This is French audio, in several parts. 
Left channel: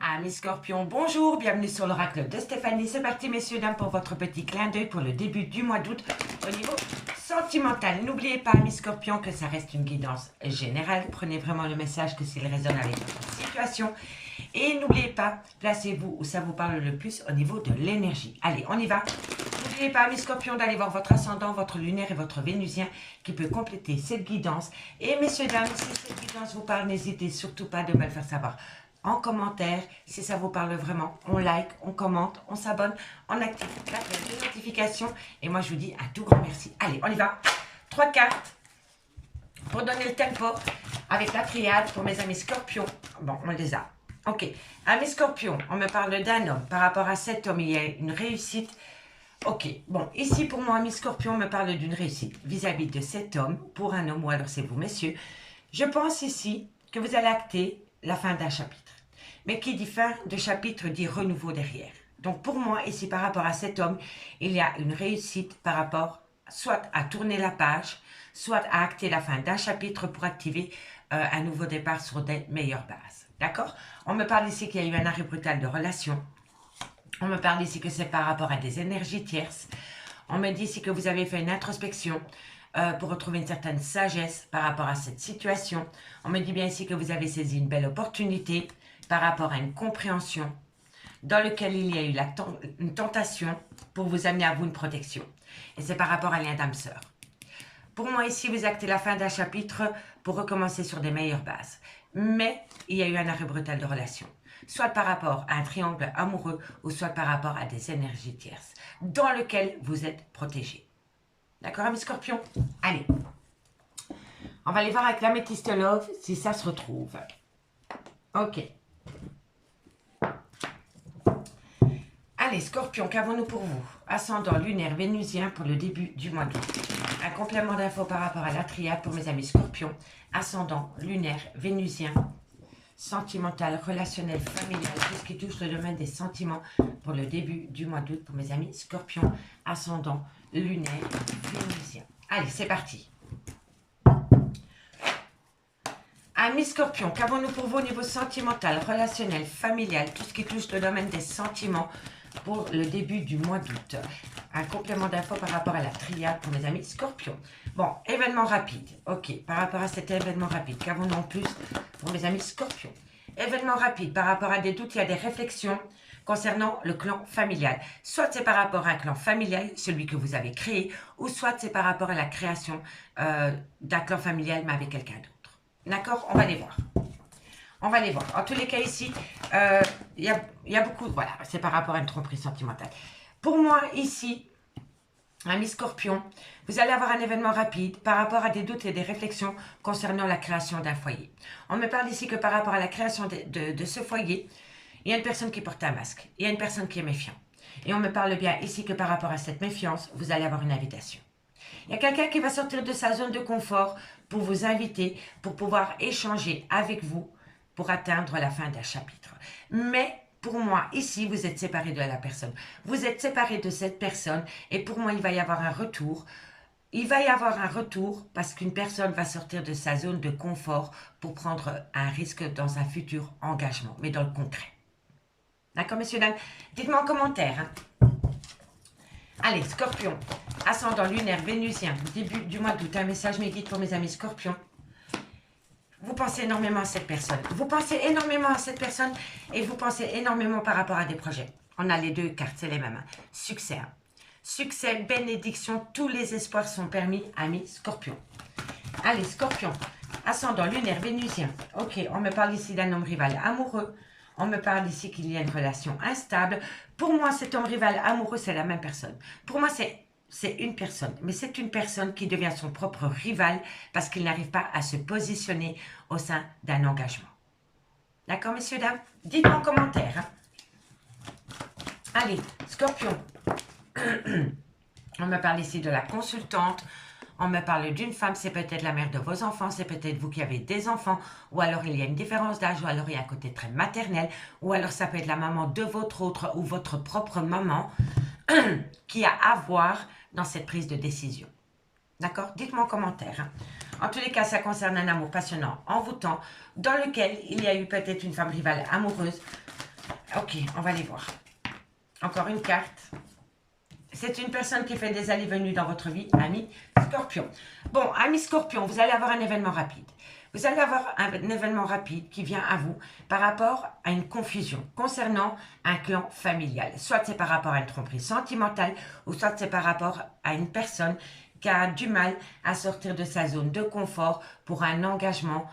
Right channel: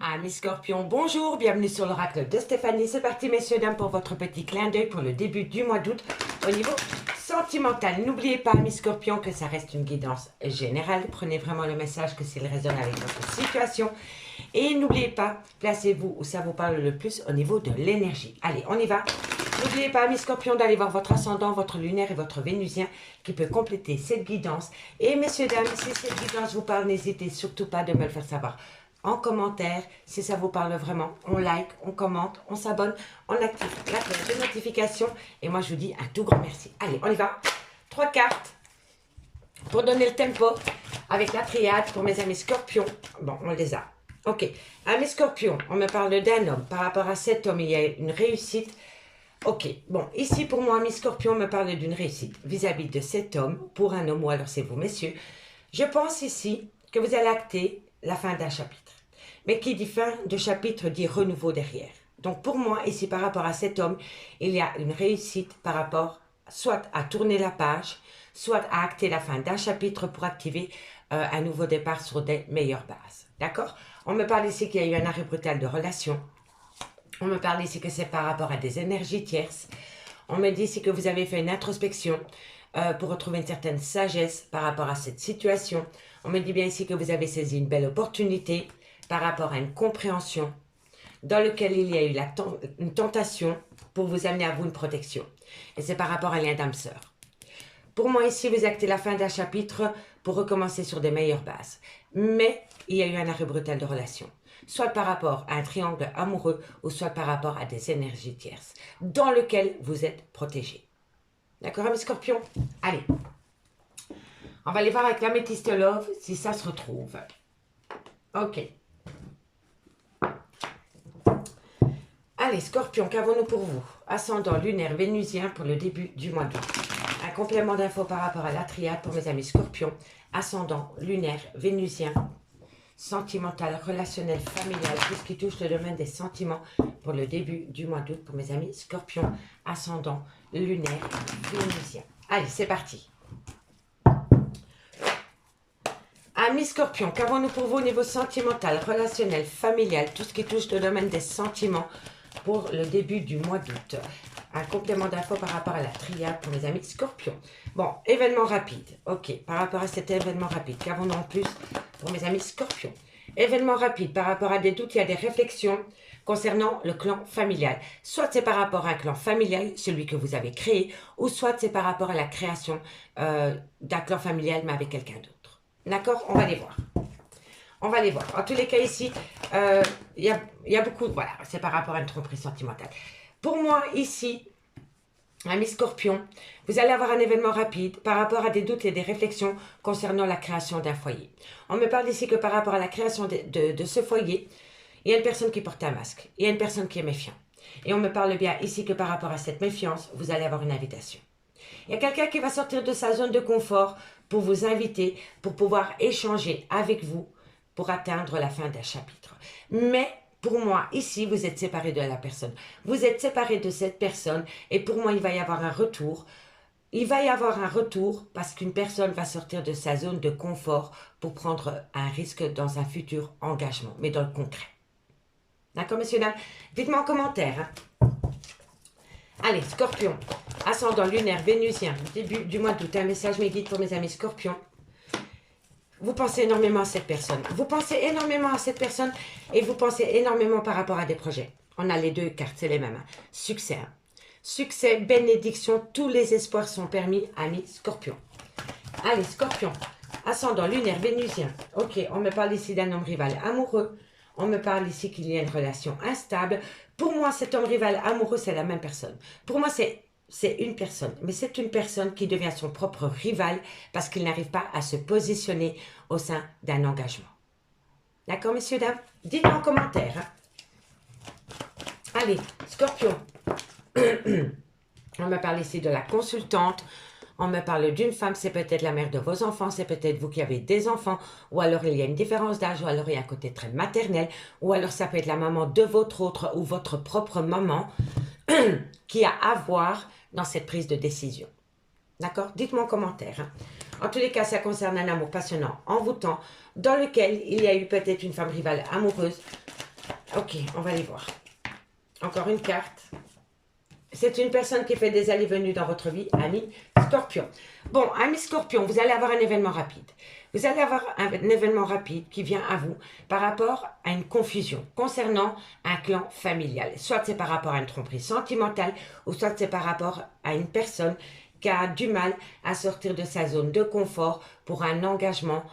Amis Scorpions, bonjour, bienvenue sur l'oracle de Stéphanie. C'est parti messieurs, dames, pour votre petit clin d'œil pour le début du mois d'août au niveau sentimental. N'oubliez pas, Amis Scorpions, que ça reste une guidance générale. Prenez vraiment le message que s'il résonne avec votre situation. Et n'oubliez pas, placez-vous où ça vous parle le plus au niveau de l'énergie. Allez, on y va. N'oubliez pas, Amis Scorpions, d'aller voir votre ascendant, votre lunaire et votre vénusien qui peut compléter cette guidance. Et messieurs, dames, si cette guidance vous parle, n'hésitez surtout pas de me le faire savoir en commentaire, si ça vous parle vraiment. On like, on commente, on s'abonne, on active la cloche de notification. Et moi, je vous dis un tout grand merci. Allez, on y va. 3 cartes pour donner le tempo avec la triade pour mes amis Scorpions. Bon, on les a. Ok. Amis Scorpions, on me parle d'un homme. Par rapport à cet homme, il y a une réussite. Ok. Bon, ici, pour moi, amis Scorpions, on me parle d'une réussite vis-à-vis de cet homme pour un homme, ou alors c'est vous, messieurs. Je pense ici que vous allez acter la fin d'un chapitre. Mais qui dit fin de chapitre dit renouveau derrière. Donc pour moi, ici par rapport à cet homme, il y a une réussite par rapport soit à tourner la page, soit à acter la fin d'un chapitre pour activer un nouveau départ sur des meilleures bases. D'accord? On me parle ici qu'il y a eu un arrêt brutal de relation. On me parle ici que c'est par rapport à des énergies tierces. On me dit ici que vous avez fait une introspection pour retrouver une certaine sagesse par rapport à cette situation. On me dit bien ici que vous avez saisi une belle opportunité par rapport à une compréhension dans laquelle il y a eu une tentation pour vous amener à vous une protection. Et c'est par rapport à un lien d'âme-sœur. Pour moi, ici, vous actez la fin d'un chapitre pour recommencer sur des meilleures bases. Mais il y a eu un arrêt brutal de relation. Soit par rapport à un triangle amoureux ou soit par rapport à des énergies tierces dans lequel vous êtes protégé. D'accord, mes scorpions? Allez. On va aller voir avec l'améthyste love si ça se retrouve. Ok. Allez, Scorpion, qu'avons-nous pour vous? Ascendant lunaire vénusien pour le début du mois d'août. Un complément d'infos par rapport à la triade pour mes amis Scorpions. Ascendant lunaire vénusien, sentimental, relationnel, familial, tout ce qui touche le domaine des sentiments pour le début du mois d'août pour mes amis Scorpions. Ascendant lunaire vénusien. Allez, c'est parti. Amis Scorpions, qu'avons-nous pour vous au niveau sentimental, relationnel, familial, tout ce qui touche le domaine des sentiments pour le début du mois d'août. Un complément d'infos par rapport à la triade pour mes amis Scorpions. Bon, événement rapide. Ok, par rapport à cet événement rapide, qu'avons-nous en plus pour mes amis Scorpions? Événement rapide, par rapport à des doutes, il y a des réflexions concernant le clan familial. Soit c'est par rapport à un clan familial, celui que vous avez créé, ou soit c'est par rapport à la création d'un clan familial, mais avec quelqu'un d'autre. D'accord? On va les voir. On va les voir. En tous les cas, ici, il y a beaucoup... Voilà, c'est par rapport à une tromperie sentimentale. Pour moi, ici, amis Scorpion, vous allez avoir un événement rapide par rapport à des doutes et des réflexions concernant la création d'un foyer. On me parle ici que par rapport à la création de ce foyer, il y a une personne qui porte un masque. Il y a une personne qui est méfiante. Et on me parle bien ici que par rapport à cette méfiance, vous allez avoir une invitation. Il y a quelqu'un qui va sortir de sa zone de confort pour vous inviter, pour pouvoir échanger avec vous, pour atteindre la fin d'un chapitre. Mais pour moi, ici, vous êtes séparé de la personne. Vous êtes séparé de cette personne et pour moi, il va y avoir un retour. Il va y avoir un retour parce qu'une personne va sortir de sa zone de confort pour prendre un risque dans un futur engagement, mais dans le concret. D'accord, messieurs, dames? Dites-moi en commentaire. Hein. Allez, Scorpion, ascendant lunaire vénusien, début du mois d'août, un message médite pour mes amis Scorpions. Vous pensez énormément à cette personne. Vous pensez énormément à cette personne et vous pensez énormément par rapport à des projets. On a les deux cartes, c'est les mêmes. Hein. Succès. Hein. Succès, bénédiction, tous les espoirs sont permis, amis Scorpion. Allez, Scorpion, ascendant lunaire vénusien. Ok, on me parle ici d'un homme rival amoureux. On me parle ici qu'il y a une relation instable. Pour moi, cet homme rival amoureux, c'est la même personne. Pour moi, c'est une personne, mais c'est une personne qui devient son propre rival parce qu'il n'arrive pas à se positionner au sein d'un engagement. D'accord, messieurs, dames? Dites-moi en commentaire. Hein. Allez, Scorpion. On me parle ici de la consultante. On me parle d'une femme, c'est peut-être la mère de vos enfants, c'est peut-être vous qui avez des enfants, ou alors il y a une différence d'âge, ou alors il y a un côté très maternel, ou alors ça peut être la maman de votre autre ou votre propre maman qui a à voir dans cette prise de décision. D'accord? Dites-moi en commentaire. Hein. En tous les cas, ça concerne un amour passionnant, envoûtant, dans lequel il y a eu peut-être une femme rivale amoureuse, Ok, on va les voir. Encore une carte. C'est une personne qui fait des allées-venues dans votre vie, ami Scorpion. Bon, ami Scorpion, vous allez avoir un événement rapide. Vous allez avoir un événement rapide qui vient à vous par rapport à une confusion concernant un clan familial. Soit c'est par rapport à une tromperie sentimentale, ou soit c'est par rapport à une personne qui a du mal à sortir de sa zone de confort pour un engagement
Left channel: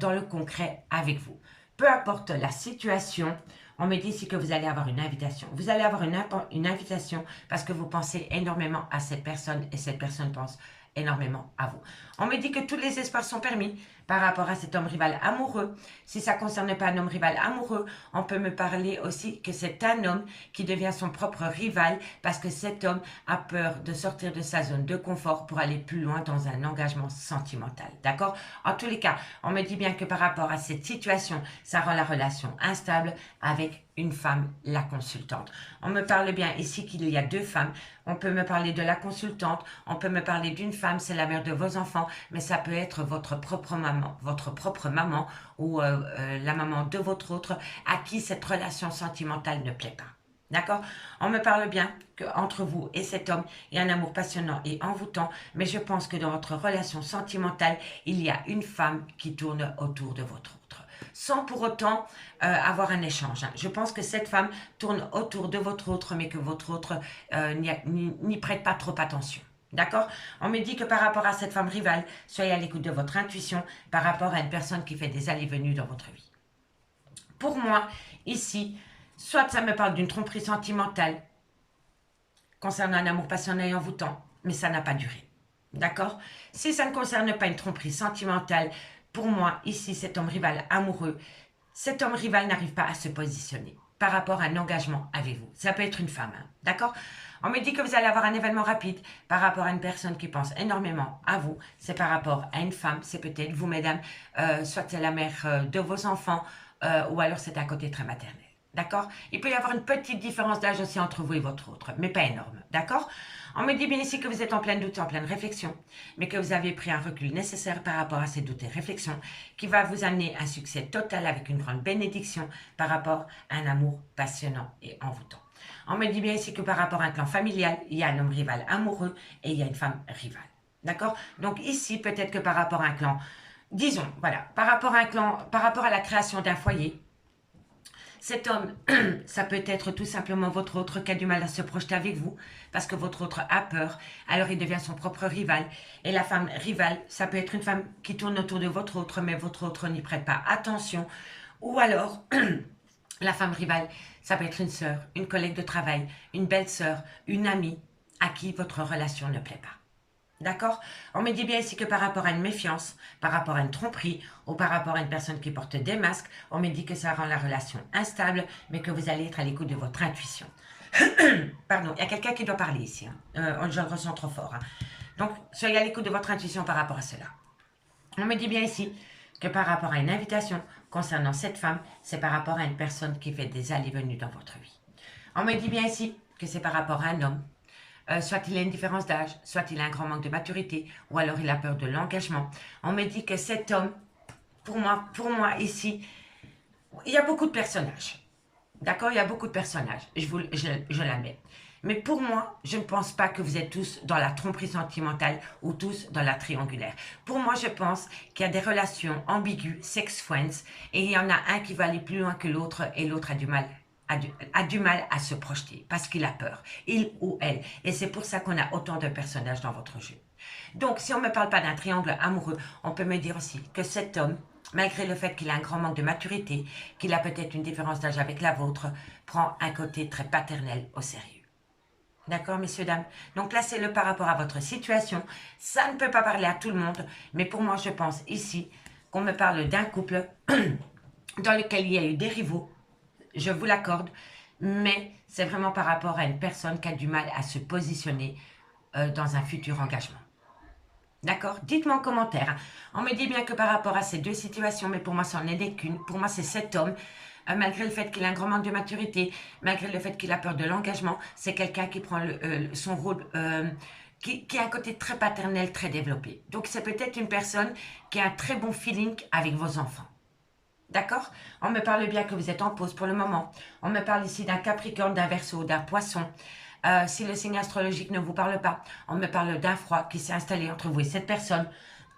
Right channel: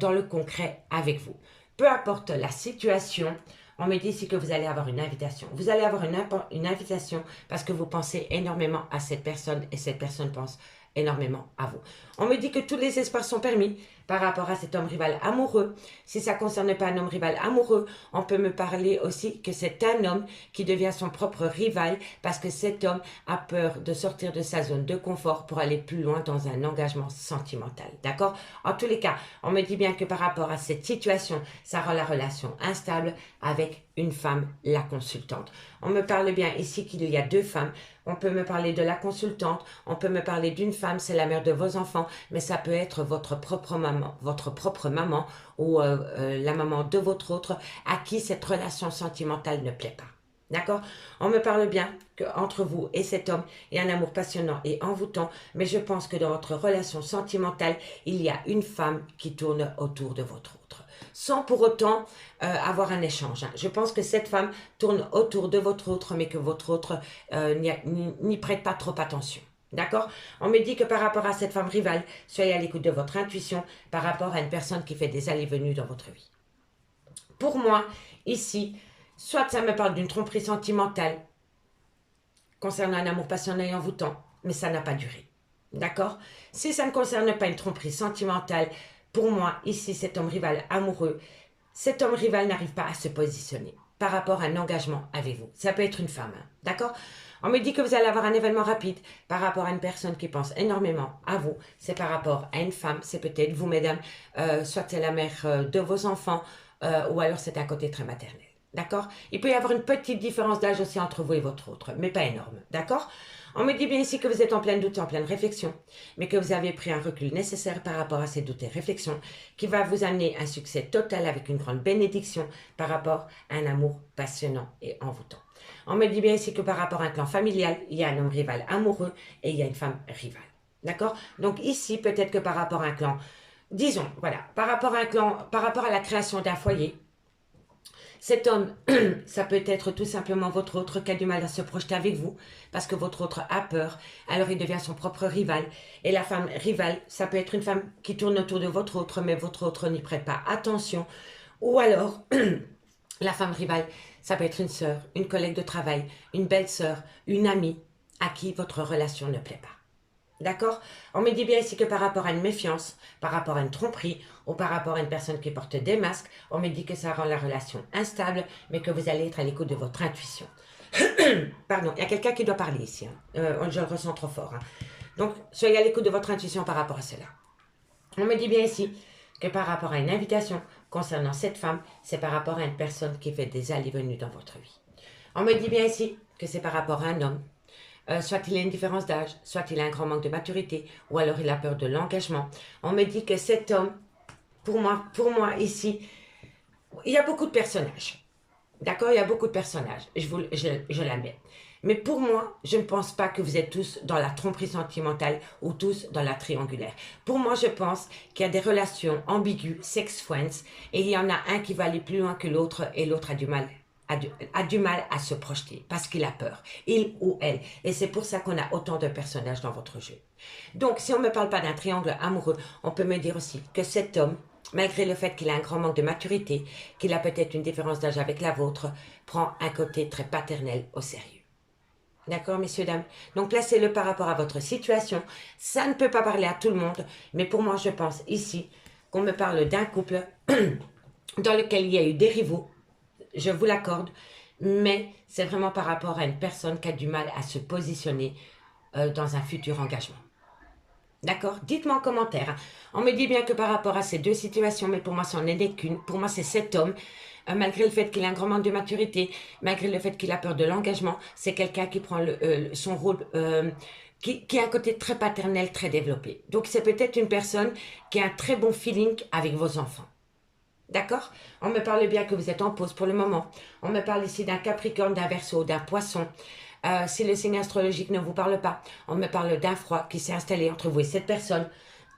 dans le concret avec vous. Peu importe la situation, on me dit ici que vous allez avoir une invitation. Vous allez avoir une invitation parce que vous pensez énormément à cette personne et cette personne pense énormément à vous. On me dit que tous les espoirs sont permis par rapport à cet homme rival amoureux. Si ça ne concerne pas un homme rival amoureux, on peut me parler aussi que c'est un homme qui devient son propre rival parce que cet homme a peur de sortir de sa zone de confort pour aller plus loin dans un engagement sentimental. D'accord? En tous les cas, on me dit bien que par rapport à cette situation, ça rend la relation instable avec une femme, la consultante. On me parle bien ici qu'il y a deux femmes. On peut me parler de la consultante, on peut me parler d'une femme, c'est la mère de vos enfants, mais ça peut être votre propre maman ou la maman de votre autre à qui cette relation sentimentale ne plaît pas. D'accord? On me parle bien qu'entre vous et cet homme, il y a un amour passionnant et envoûtant, mais je pense que dans votre relation sentimentale, il y a une femme qui tourne autour de votre autre, sans pour autant avoir un échange. Je pense que cette femme tourne autour de votre autre, mais que votre autre n'y prête pas trop attention. D'accord? On me dit que par rapport à cette femme rivale, soyez à l'écoute de votre intuition par rapport à une personne qui fait des allées-venues dans votre vie. Pour moi, ici, soit ça me parle d'une tromperie sentimentale concernant un amour passionné et envoûtant, mais ça n'a pas duré. D'accord? Si ça ne concerne pas une tromperie sentimentale, pour moi, ici, cet homme rival amoureux, cet homme rival n'arrive pas à se positionner par rapport à un engagement avec vous. Ça peut être une femme, hein, d'accord? On me dit que vous allez avoir un événement rapide par rapport à une personne qui pense énormément à vous. C'est par rapport à une femme, c'est peut-être vous, mesdames, soit c'est la mère de vos enfants, ou alors c'est un côté très maternel. D'accord? Il peut y avoir une petite différence d'âge aussi entre vous et votre autre, mais pas énorme. D'accord? On me dit bien ici que vous êtes en plein doute, en pleine réflexion, mais que vous avez pris un recul nécessaire par rapport à ces doutes et réflexions qui va vous amener un succès total avec une grande bénédiction par rapport à un amour passionnant et envoûtant. On me dit bien ici que par rapport à un clan familial, il y a un homme rival amoureux et il y a une femme rivale. D'accord? Donc ici, peut-être que par rapport à un clan, disons, voilà, par rapport à un clan, par rapport à la création d'un foyer, cet homme, ça peut être tout simplement votre autre qui a du mal à se projeter avec vous parce que votre autre a peur, alors il devient son propre rival. Et la femme rivale, ça peut être une femme qui tourne autour de votre autre, mais votre autre n'y prête pas attention. Ou alors, la femme rivale, ça peut être une sœur, une collègue de travail, une belle-sœur, une amie à qui votre relation ne plaît pas. D'accord? On me dit bien ici que par rapport à une méfiance, par rapport à une tromperie ou par rapport à une personne qui porte des masques, on me dit que ça rend la relation instable, mais que vous allez être à l'écoute de votre intuition. Pardon, il y a quelqu'un qui doit parler ici. Hein. Je le ressens trop fort. Hein. Donc, soyez à l'écoute de votre intuition par rapport à cela. On me dit bien ici que par rapport à une invitation concernant cette femme, c'est par rapport à une personne qui fait des allées-venues dans votre vie. On me dit bien ici que c'est par rapport à un homme. Soit il a une différence d'âge, soit il a un grand manque de maturité, ou alors il a peur de l'engagement. On me dit que cet homme, pour moi ici, il y a beaucoup de personnages. D'accord? Il y a beaucoup de personnages, je l'admets. Mais pour moi, je ne pense pas que vous êtes tous dans la tromperie sentimentale ou tous dans la triangulaire. Pour moi, je pense qu'il y a des relations ambiguës, sex friends, et il y en a un qui va aller plus loin que l'autre et l'autre a du mal à se projeter parce qu'il a peur, il ou elle. Et c'est pour ça qu'on a autant de personnages dans votre jeu. Donc, si on ne me parle pas d'un triangle amoureux, on peut me dire aussi que cet homme, malgré le fait qu'il a un grand manque de maturité, qu'il a peut-être une différence d'âge avec la vôtre, prend un côté très paternel au sérieux. D'accord, messieurs, dames? Donc, placez-le par rapport à votre situation. Ça ne peut pas parler à tout le monde, mais pour moi, je pense ici qu'on me parle d'un couple dans lequel il y a eu des rivaux, je vous l'accorde, mais c'est vraiment par rapport à une personne qui a du mal à se positionner dans un futur engagement. D'accord? Dites-moi en commentaire. On me dit bien que par rapport à ces deux situations, mais pour moi, c'en est qu'une. Pour moi, c'est cet homme. Malgré le fait qu'il a un grand manque de maturité, malgré le fait qu'il a peur de l'engagement, c'est quelqu'un qui prend son rôle, qui a un côté très paternel, très développé. Donc, c'est peut-être une personne qui a un très bon feeling avec vos enfants. D'accord? On me parle bien que vous êtes en pause pour le moment. On me parle ici d'un Capricorne, d'un Verseau, d'un Poisson. Si le signe astrologique ne vous parle pas, on me parle d'un froid qui s'est installé entre vous et cette personne.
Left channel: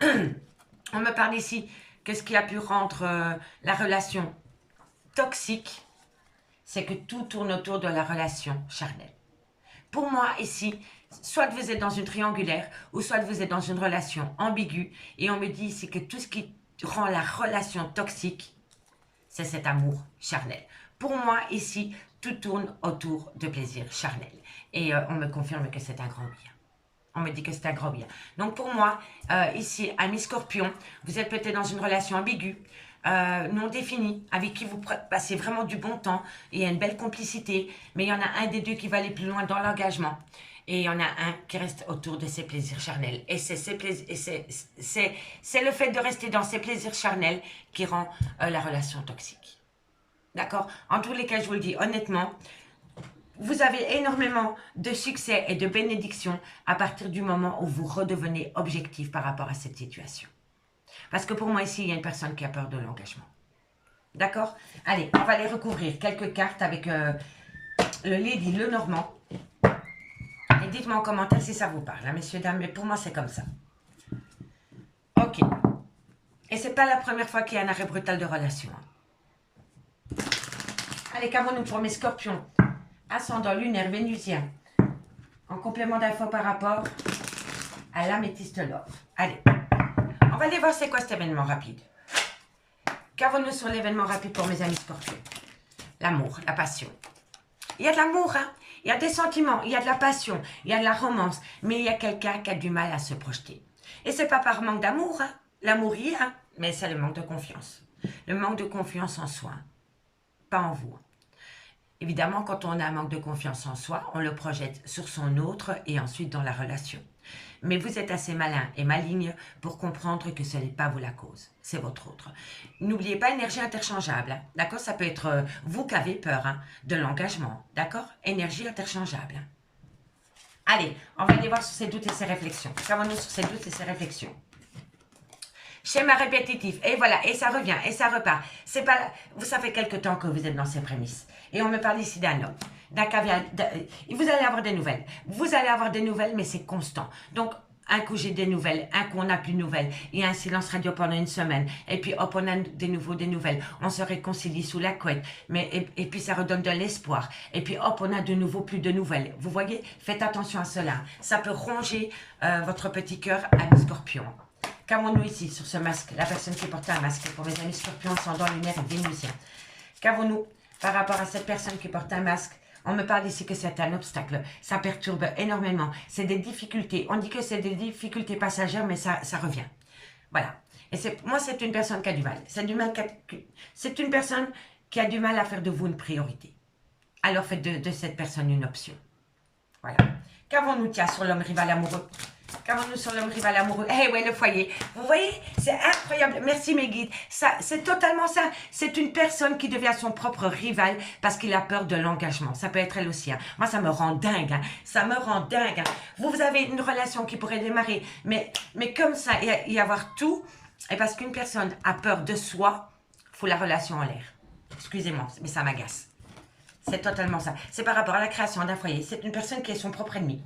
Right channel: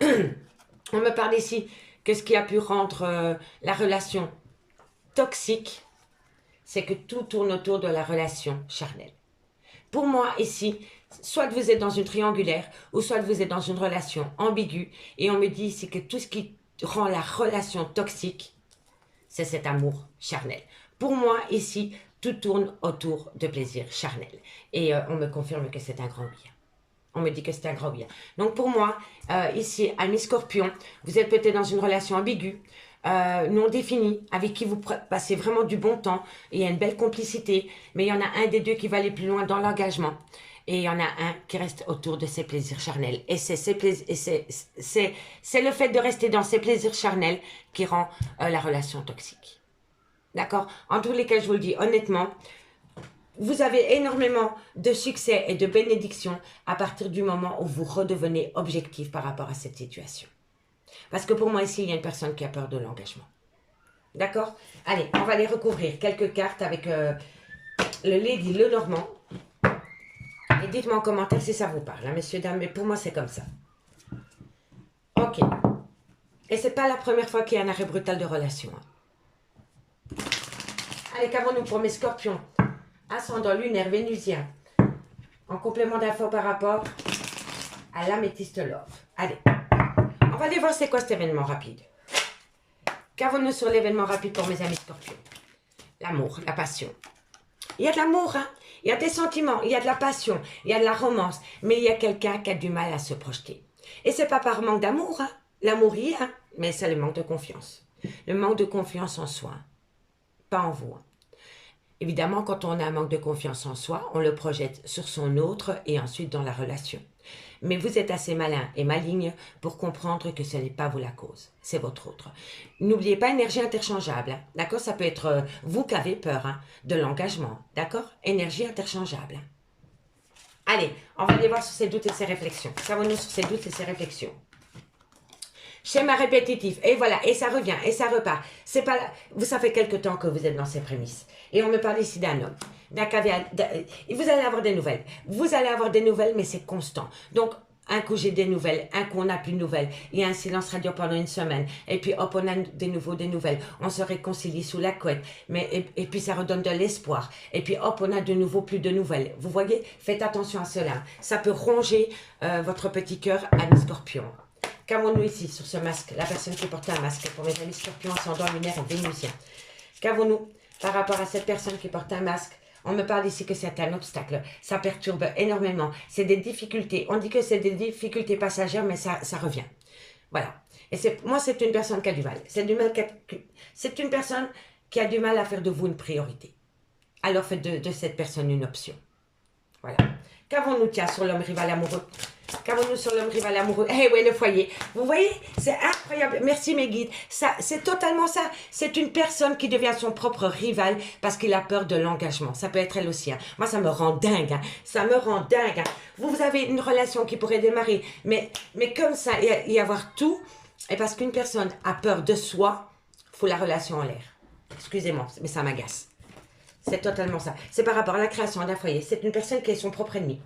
On me parle ici que ce qui a pu rendre la relation toxique, c'est que tout tourne autour de la relation charnelle. Pour moi, ici, soit vous êtes dans une triangulaire, ou soit vous êtes dans une relation ambiguë, et on me dit ici que tout ce qui rend la relation toxique, c'est cet amour charnel. Pour moi, ici, tout tourne autour de plaisir charnel. Et on me confirme que c'est un grand bien. On me dit que c'est un grand bien. Donc pour moi, ici, ami Scorpion, vous êtes peut-être dans une relation ambiguë, non définie, avec qui vous passez vraiment du bon temps, et il y a une belle complicité, mais il y en a un des deux qui va aller plus loin dans l'engagement, et il y en a un qui reste autour de ses plaisirs charnels. Et c'est le fait de rester dans ces plaisirs charnels qui rend la relation toxique. D'accord? En tous les cas, je vous le dis honnêtement, vous avez énormément de succès et de bénédictions à partir du moment où vous redevenez objectif par rapport à cette situation. Parce que pour moi, ici, il y a une personne qui a peur de l'engagement. D'accord? Allez, on va aller recouvrir quelques cartes avec le Lady Lenormand. Et dites-moi en commentaire si ça vous parle, hein, messieurs, dames. Mais pour moi, c'est comme ça. Ok. Et c'est pas la première fois qu'il y a un arrêt brutal de relation. Hein. Allez, qu'avons-nous pour mes scorpions? Ascendant lunaire vénusien. En complément d'infos par rapport à l'améthyste love. Allez. On va aller voir c'est quoi cet événement rapide. Qu'avons-nous sur l'événement rapide pour mes amis scorpions? L'amour, la passion. Il y a de l'amour, hein? Il y a des sentiments, il y a de la passion, il y a de la romance, mais il y a quelqu'un qui a du mal à se projeter. Et c'est pas par manque d'amour, hein? L'amour y est, hein? Mais c'est le manque de confiance. Le manque de confiance en soi, pas en vous. Évidemment, quand on a un manque de confiance en soi, on le projette sur son autre et ensuite dans la relation. Mais vous êtes assez malin et maligne pour comprendre que ce n'est pas vous la cause, c'est votre autre. N'oubliez pas, énergie interchangeable, hein, d'accord? Ça peut être vous qui avez peur hein, de l'engagement, d'accord? Énergie interchangeable. Allez, on va aller voir sur ses doutes et ses réflexions. Qu'avons-nous sur ses doutes et ses réflexions? Schéma répétitif, et voilà, et ça revient, et ça repart. C'est pas, vous, ça fait quelque temps que vous êtes dans ces prémices. Et on me parle ici d'un homme, d'un caviar. Vous allez avoir des nouvelles. Vous allez avoir des nouvelles, mais c'est constant. Donc, un coup j'ai des nouvelles, un coup on n'a plus de nouvelles. Il y a un silence radio pendant une semaine. Et puis hop, on a des nouvelles. On se réconcilie sous la couette. Et puis ça redonne de l'espoir. Et puis hop, on a de nouveau plus de nouvelles. Vous voyez, faites attention à cela. Ça peut ronger votre petit cœur à Scorpion. Qu'avons-nous ici sur ce masque? La personne qui porte un masque pour mes amis scorpions, ascendant lunaire et vénusien. Qu'avons-nous par rapport à cette personne qui porte un masque? On me parle ici que c'est un obstacle. Ça perturbe énormément. C'est des difficultés. On dit que c'est des difficultés passagères, mais ça revient. Voilà. Et moi, c'est une personne qui a du mal. C'est une personne qui a du mal à faire de vous une priorité. Alors faites de cette personne une option. Voilà. Qu'avons-nous, tiens, sur l'homme rival amoureux? Qu'avons-nous sur l'homme rival amoureux? Eh oui, le foyer. Vous voyez, c'est incroyable. Merci mes guides. C'est totalement ça. C'est une personne qui devient son propre rival parce qu'il a peur de l'engagement. Ça peut être elle aussi. Hein. Moi, ça me rend dingue. Hein. Ça me rend dingue. Hein. Vous avez une relation qui pourrait démarrer, mais comme ça, y avoir tout. Et parce qu'une personne a peur de soi, fout la relation en l'air. Excusez-moi, mais ça m'agace. C'est totalement ça. C'est par rapport à la création d'un foyer. C'est une personne qui est son propre ennemi.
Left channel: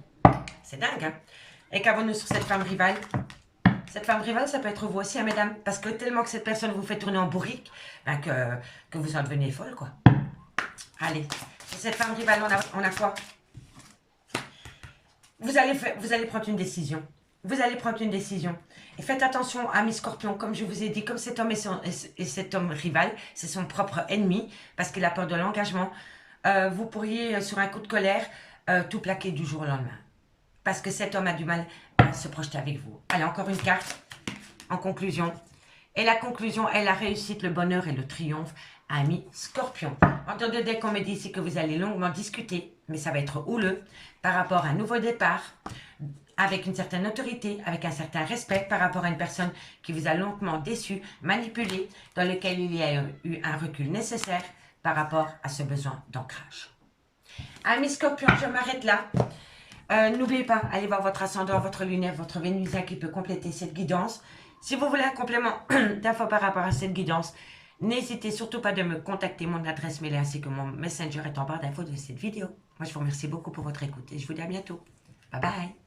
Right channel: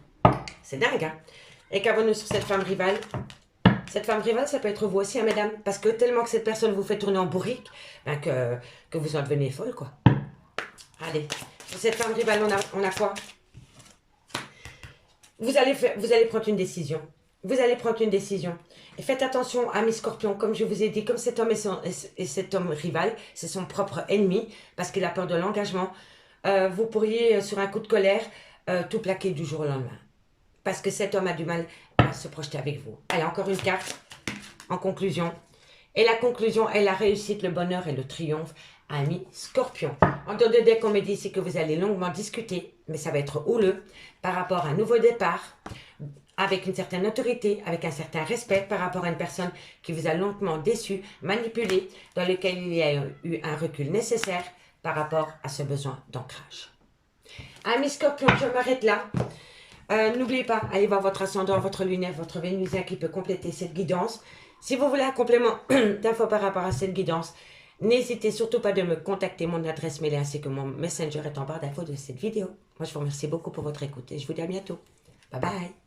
C'est dingue, hein? Et qu'avons-nous sur cette femme rivale? Cette femme rivale, ça peut être vous aussi, hein, mesdames. Parce que tellement que cette personne vous fait tourner en bourrique, ben que vous en devenez folle, quoi. Allez, sur cette femme rivale, on a quoi? Vous allez prendre une décision. Vous allez prendre une décision. Et faites attention à mes scorpions, comme je vous ai dit, comme cet homme et cet homme rival, c'est son propre ennemi, parce qu'il a peur de l'engagement. Vous pourriez, sur un coup de colère, tout plaquer du jour au lendemain. Parce que cet homme a du mal à se projeter avec vous. Allez, encore une carte en conclusion. Et la conclusion est la réussite, le bonheur et le triomphe, ami Scorpion. En dehors de deck, on me dit ici que vous allez longuement discuter, mais ça va être houleux, par rapport à un nouveau départ, avec une certaine autorité, avec un certain respect par rapport à une personne qui vous a longuement déçu, manipulé, dans lequel il y a eu un recul nécessaire par rapport à ce besoin d'ancrage. Ami Scorpion, je m'arrête là. N'oubliez pas, allez voir votre ascendant, votre lunaire, votre vénusien qui peut compléter cette guidance. Si vous voulez un complément d'infos par rapport à cette guidance, N'hésitez surtout pas de me contacter, mon adresse mail ainsi que mon messenger est en barre d'infos de cette vidéo. Moi, je vous remercie beaucoup pour votre écoute et je vous dis à bientôt. Bye bye.